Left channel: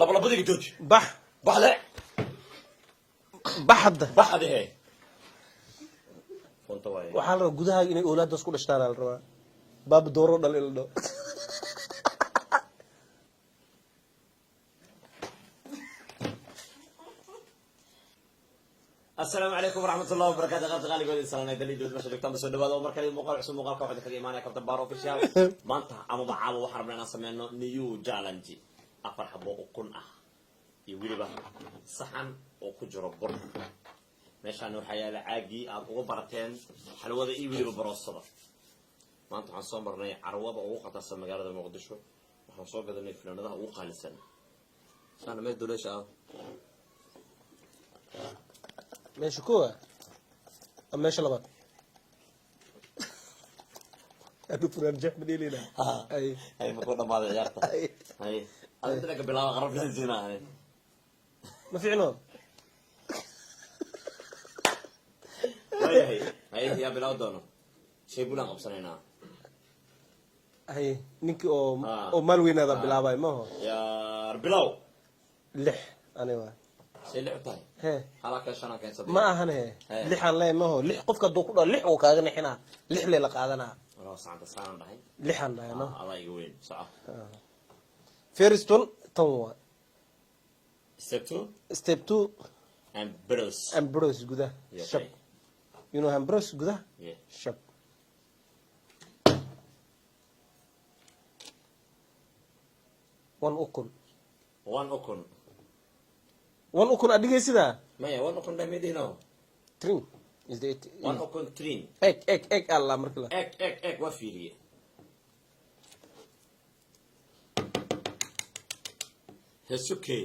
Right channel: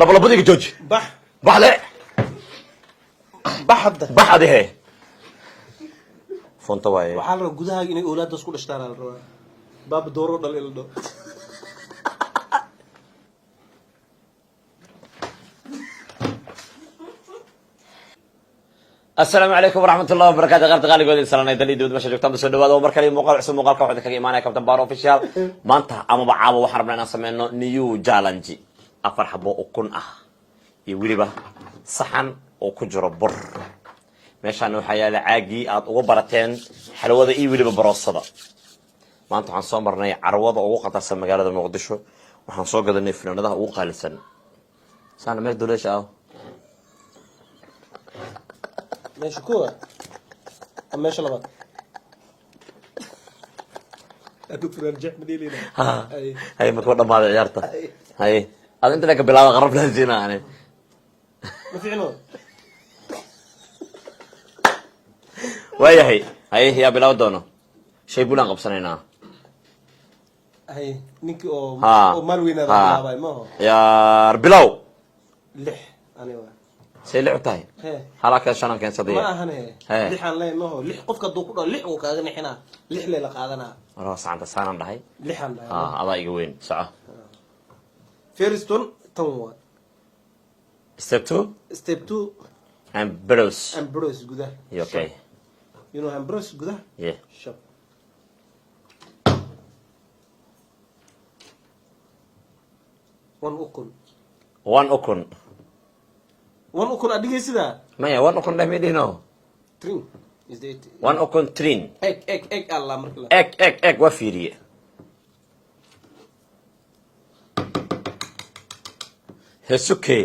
لبلبدي جوج بح لا بح هذه فونت واي waxaa la gudaha inay awlaad isku dhashtaan la rabaa baab dooro dhalin la dhaw السلام عليكم ورحمة الله وبركاته غير تغالي قولي سلام دلي دود مشا جوكتان بسو دواد ومركلي مقال عسو مقالك وحدك إيمانيا كابتن بارو اوفيشال مانتا أما بعابا وحربنا ناس سمينو نيو جالنجي أفر حبو أكون يوليبا صحن وكجر بر meeshaan waxaa yaala caagii aad ugu barateen xalwada iyo weliba baroosada maanta waxaan soo marnay carwada ugu qatarsan magaalada muqdisho waxaan soo gadanay fanaanadaha ugu qaalisan saana meel duleesha ah meesha kuwa meesha labaad adu filan jeex madilina hay ma ku dhamaad ciyaarta hay aad inta ka bilaabo qarab lahayn aan ma fiicno waayahay hay ya bilaw doono shay bulan qabsanaynaa hay ninki oo mar weyn raabay ma ya bilaw lix aniga say lix tahay halaka shanaan keen sadii ma ahan lixan leh ma lix qofka duu ku dhal lix oo kaaga nixina lix leela qaadana wala saanta saanan dhahay lixan ada iga weyn saca first one tanwa step 2 and bros guda okay you know Ambrose guda yeah shop one ukun adigay sida maya one ukun dhameedino trin is it one ukun trin egg alla markala egg wa fiiriye hesuke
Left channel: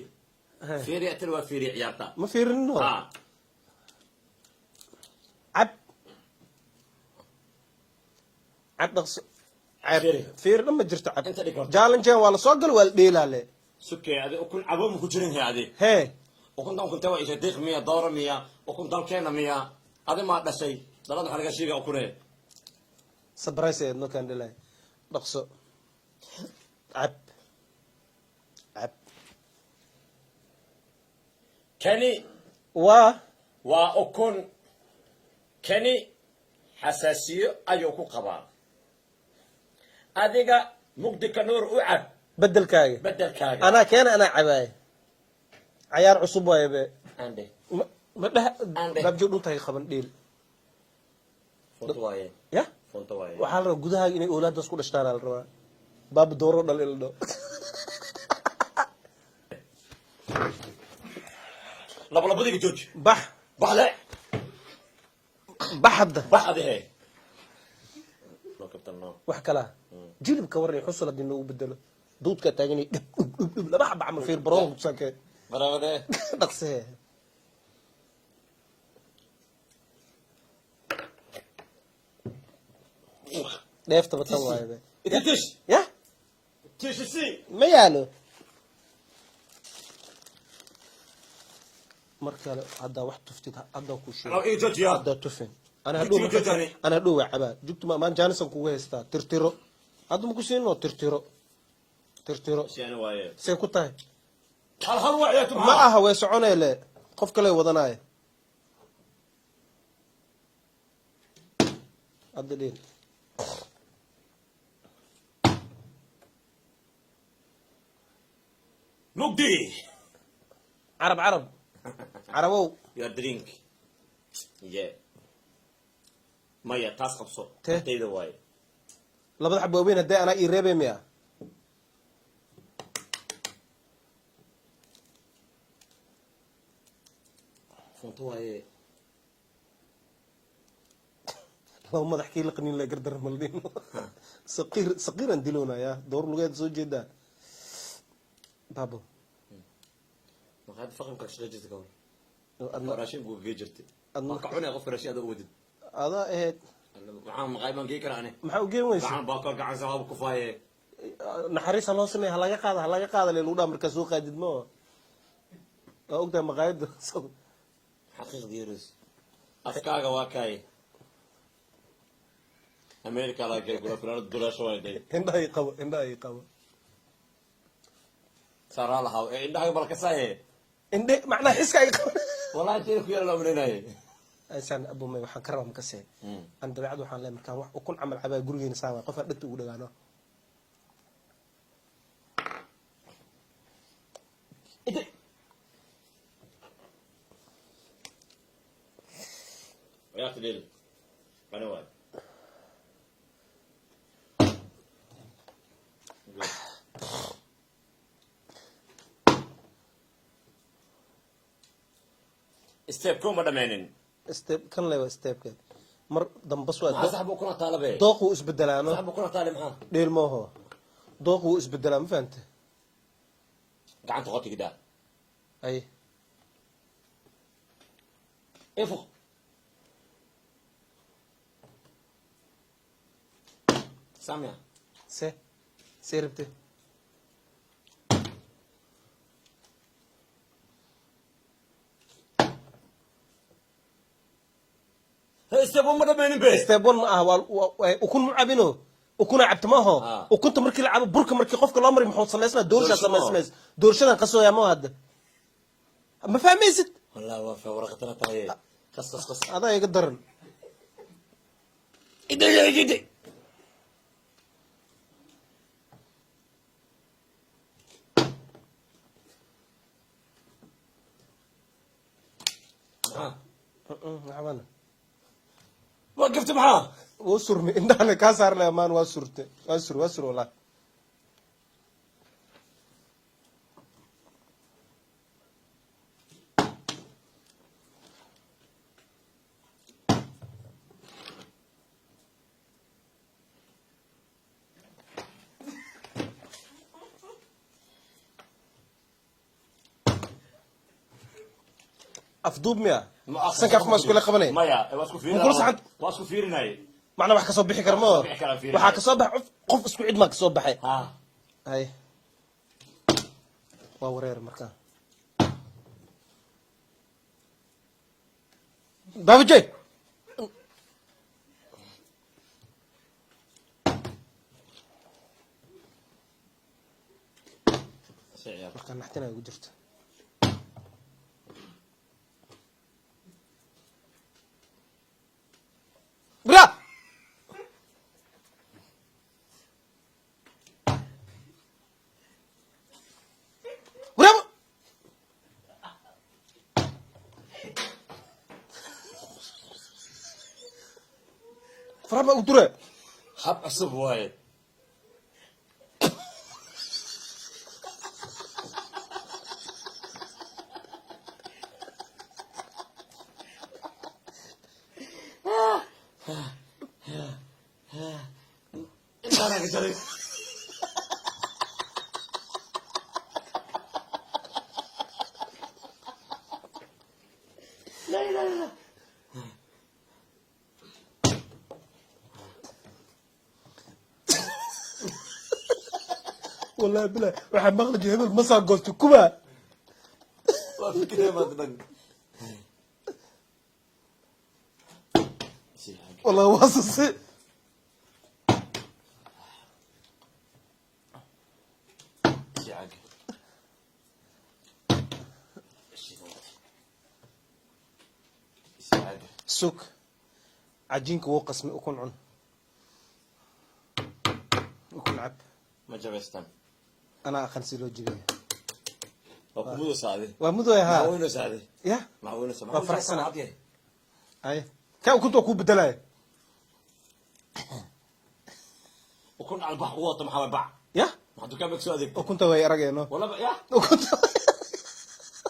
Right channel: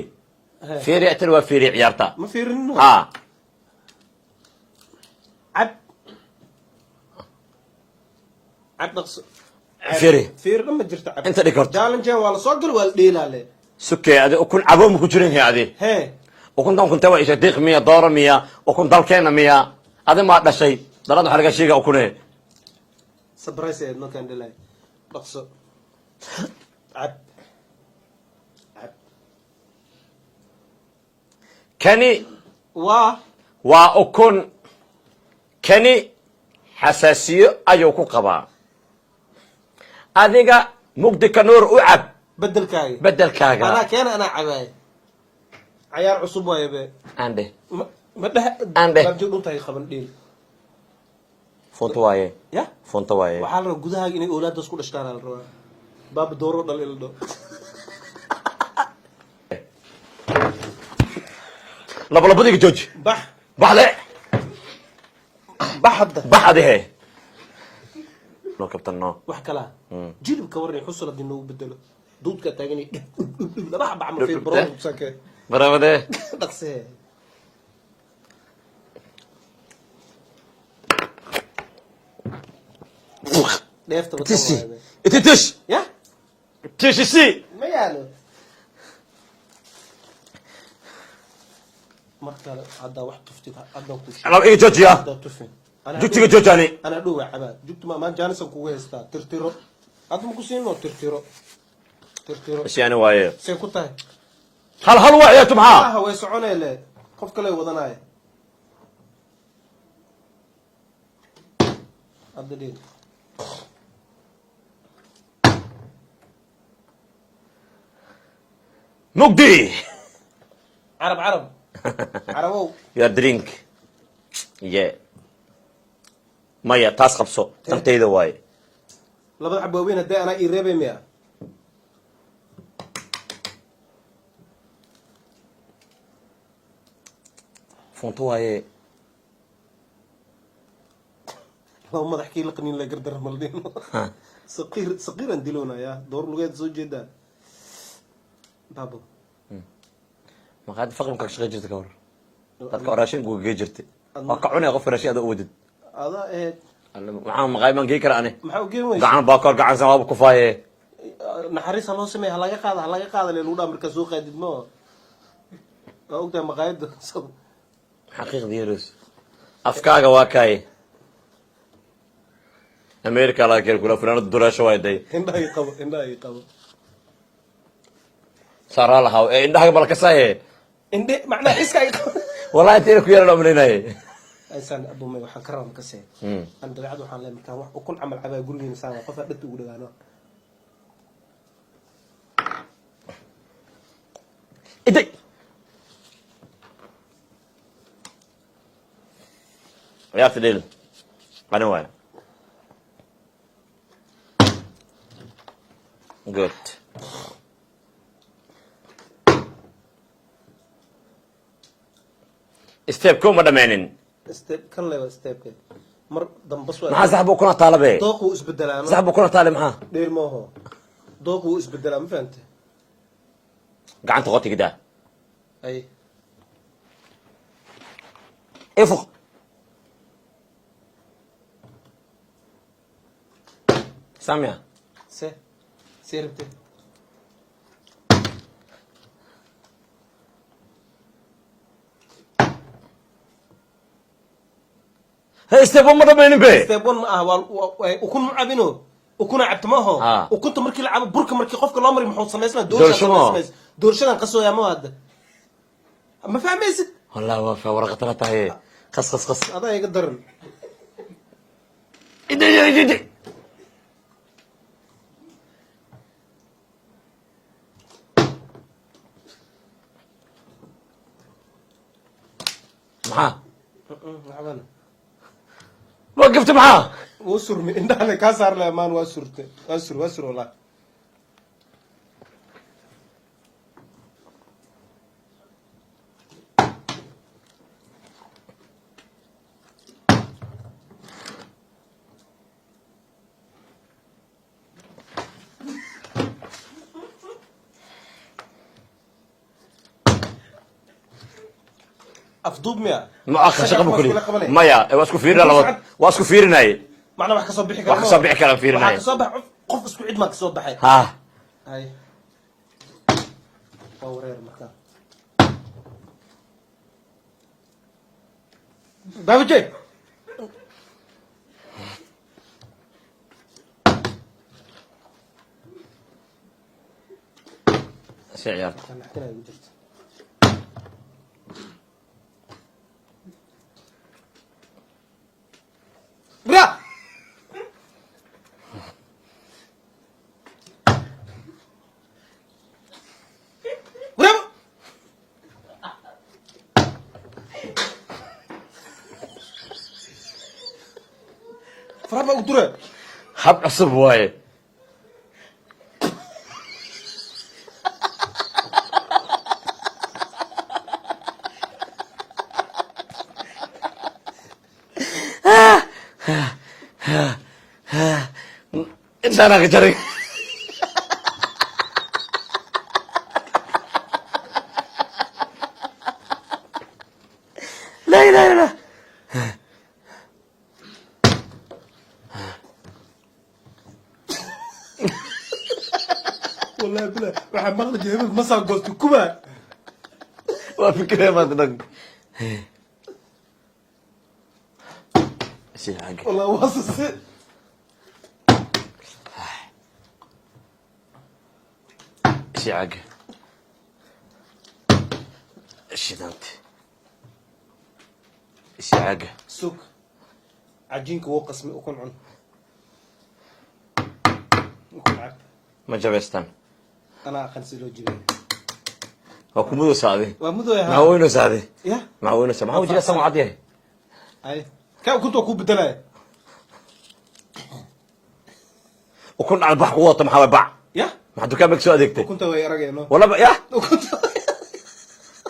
fiiri atal wa fiiri ciyaarta ma fiirino ha عبد فير لما جرت عبد انت ديكورت جالنجان ولا سوقل ولا ديلاله سكي هذا اكون عبوم كجرين هذه هي وكنت كنت وايش ديق 100 دولار 100 وكنت دالكينا 100 هذا ما دشي دراد waxa laga sheega ukune surprise ma kan dilay dhaqso ab كاني وأكون كاني حساسية أيوكو قبا أذيك مقدك نور أعب بدل كاغا أنا كان أنا عباي عيار عصب يا بي عندي عندي رجل أنت هي خبر دير فونتواي يا فونتواي وحال جودها إني أولاد دسكول اشتغل الروا باب دورو دليل دو لبلبدي جوج بح لا بح هذه لو كابتن نو wax kala jilib ka warri xusul hadii loo bedelo duudka taagani laba xab amal fiir baro sakay barawade dhaqse neefta تشي انت تش يا تشي ما يالو marka hadda wax tuftida hadda ku sheeg laba ee joojiya hadda tufin jugtiga joojani ana dhuu cabaad jugtu ma jaanisan ku heystaa tirtiro hadda ku soo tirtiro isyaani waaye say ku tahay hal waaye tumha way soconeele qof kale wadanay hadda dhii مقدي عرب عربو يا درينك يا مايا تاس قبصو ترتيده واي لبد حبوبين هدي انا يريبي ميا فونتو واي لو ما تحكي لك اني لا قدر ملدين صغير نديلونا يا دور لغايه زوج جدا بابو ما قاعد فقر كاش غير جرت كور dadka raashin gu geejirtay waa ka cunay qof raashin aad u wadid waxaan maqayman geey kara ani maxaa u geey weyn gacan baakor gacan sabab ku faaye naxariis loo sameeyay halaga qaada leeyahay lagu dhaamar ka soo qaadid ma oo ogta maqaayada xaqiiqdii yirus afkaaga waa kay America la keen kula fanaanad durasho way day indhahay qabo صار لها إيه إنها قبل كساية indhe macnaha iska والله أنت إنك يلا من هنا insaan abu may waxaan ka rabaa kasee aan dabeecad waxaan leeyahay markaan wax ukun camal cabaa gurigeena saan qof aan dhadta ugu dhagaano إدي يا فديل أنا وين good step كوم ولا مانين step kan leeyahay stepka mar dambas waa maxaa saxbu kuna taalabe dooqu isbedelaa saxbu kuna taale maxaa dheel maaho dooqu isbedelaa ma fahantay gacanta qoti gida ay ifuq سامع se seerinte هاي step ما ضمن به step 1 ma ah waa ukun ma cabino ukuna cabta maaho ukunta markii la cabo burka markii qofka loo mari muxuu sameysnaa doorshadan qasooya ma hadda ma fahmaysid والله وافا ورقة لا هي قص قص قص adaa iga daran إدي معاه عبانا وقفت معاه وسرني انت على كاسر لامان وسرت وسر والله افضوب ميا ما أخشى قبل مايا واسكو فيرنا واسكو فيرنا macna wax ka soo bixi wax ka soo bixi kara fiirinay wax ka soo bax qof isku cid ma ka soo baxay ha ay wareer marka babajay سعير كان نحتنا وجرت برا فهذا قلت حب عصب واي انت انا جري لا لا لا والله بلا waxaa maqli jiray ma soo gosto kuba waa fikirey maad dhag si xaq والله واصل si xaq شدنت si xaq سوق عجينك هو قسمي أكون عن أكون عب ma jabeystan أنا خمسة لو جيبي waa kumadu saade ومدو يا ma weyno saade يا ma weyno saade ma wajiga sama cad yahay أي كم كنت أكون بدلاء وكن على البحر قوة محاوي باع يا ما حد كان بك سو اديكتي وكنت غير رجع ولا بقى يا وكنت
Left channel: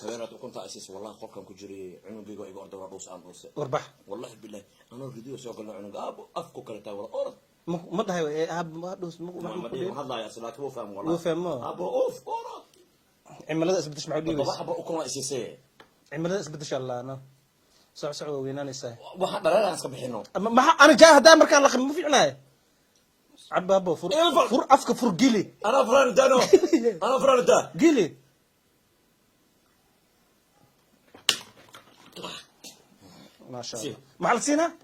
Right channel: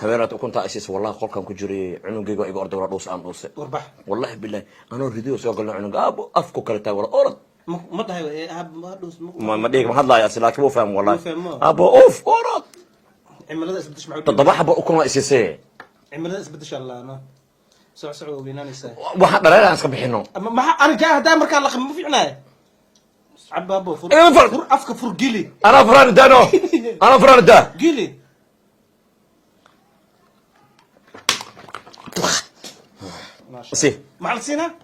هبيرات وكنت اسيس والله قول كان كجري عنقيغو ايغو اردو دوس ام دوس وربح والله بالله انا ريديو سو قلنا عنق ابو افكو كلتا ولا اورد ما ده أب ما دوس ما ديك ما حد لا يا لكن مو فاهم والله مو فاهم. ابو اوف اورد عمل هذا بدش معه تضبح ابو كون اسيسي عمل هذا بدش الله أنا سع ويناني ساي waxa dhareer aan iska bixino ما أنا جاه دام كان لك ما في عناية عبابو فر إيه فر. فر أفك فر جيلي انا فران دانو انا فران دا جيلي ما شاء سي. الله مع السنة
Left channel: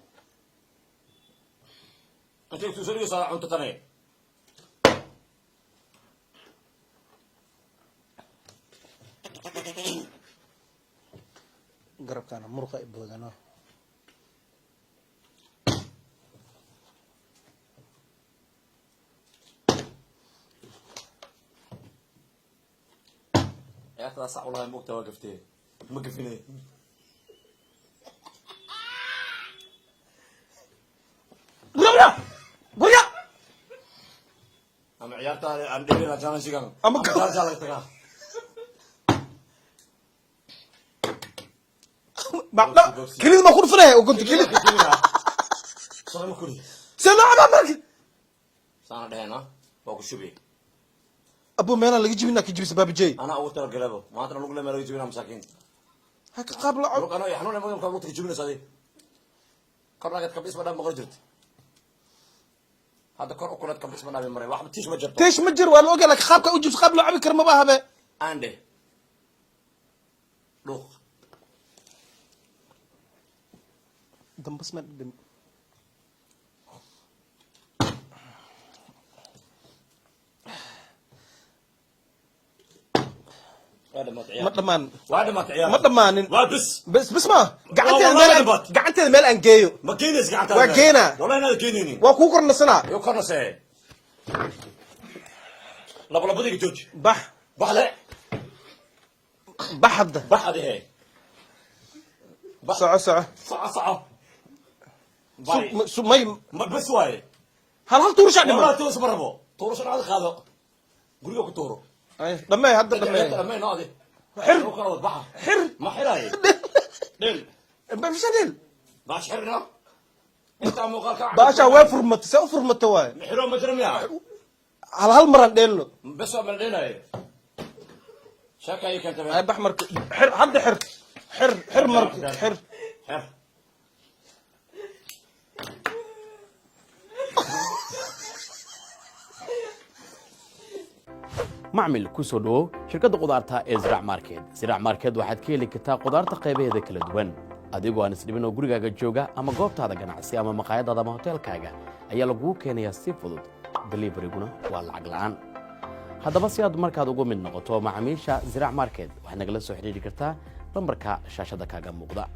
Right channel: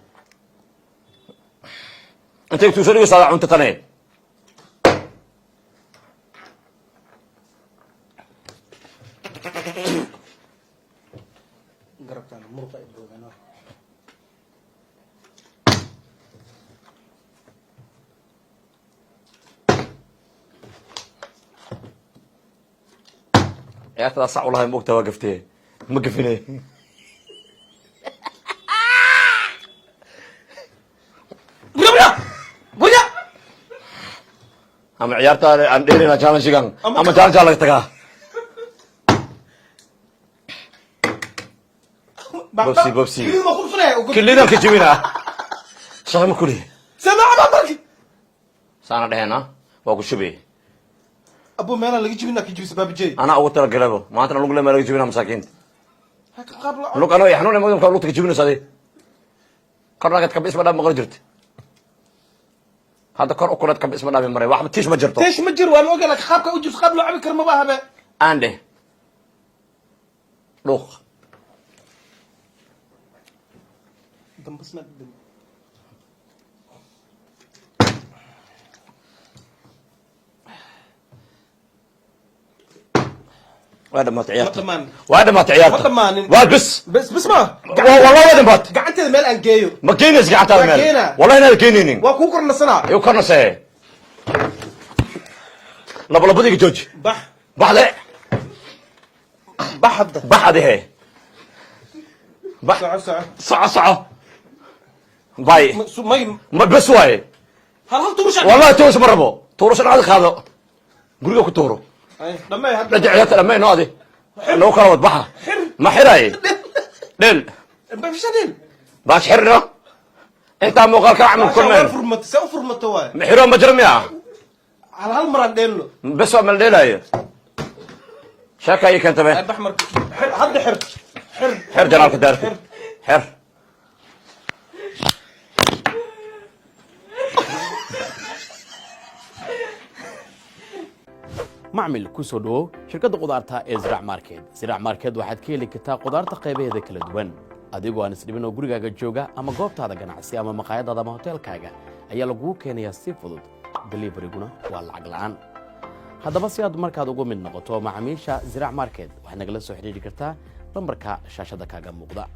انت توصلي صار انت تنين قرب كان مرقة إبوذنا يا أخي صح والله موقتها وقفتي مقفني أما عيارتا عن ديرنا جانا شيغان أما جال تكا بوبسي كلنا ما كل فرق كلنا كجمينا شغل ما كله سانا دهنا وأقول شبيه أبو مانا اللي يجي منك يجي سباب جاي أنا أول ترى قلبه ما أنت نقول لما يجي منها مساكين هيك قبل لو كانوا يحنون ما يمكن لوتك يجي منه سادي كرنا قد كبس بدأ مغرجرت هذا كر أكلت كبس بدأ من مرة واحد تيش مجرته تيش مجر وأنا أقول لك خابك أوجس خاب لعب كرم بها عنده روح دم بس ما وهذا ما تعيار مطمان وهذا ما تعيار مطمان وهذا بس ما والله هذا بات قعدت المال أنجيو مكينس قعدت مكينة والله هنا الكينين وكوكر النصنا يوكرنا سه لا بديك جوج بح لا بح هذه بح ساعة باي ما بس واي هل تورش والله تورش مربو تورش هذا خاذه قولوا كتورو لما يهدد رجعت لما ينادي لو كان وضبحها ما حراي دل ما فيش دل باش حرنا انت مقال كعمل كمان فرمت سوى فرمت واي محرو مجرم يا على هالمرة دينه بس من ديل هي شاكا هيك انت به احمر حد حر جلالك دارك حر macmil ku soo dhawow shirkadda qudaarta ee Ziraac Market. Ziraac Market waxaad ka heli kartaa qudaarta qaybaheeda kala duwan adigoo aan isdhibin oo gurigaaga jooga ama goobtaada ganacsi ama maqaayadaada ama hoteelkaaga ayaa lagu keenayaa si fudud delivery-guna waa lacag la'aan haddaba si aad markaad ugu mid noqoto macaamiisha Ziraac Market waxaad nagala soo xiriiri kartaa lambarka shaashada kaaga muuqda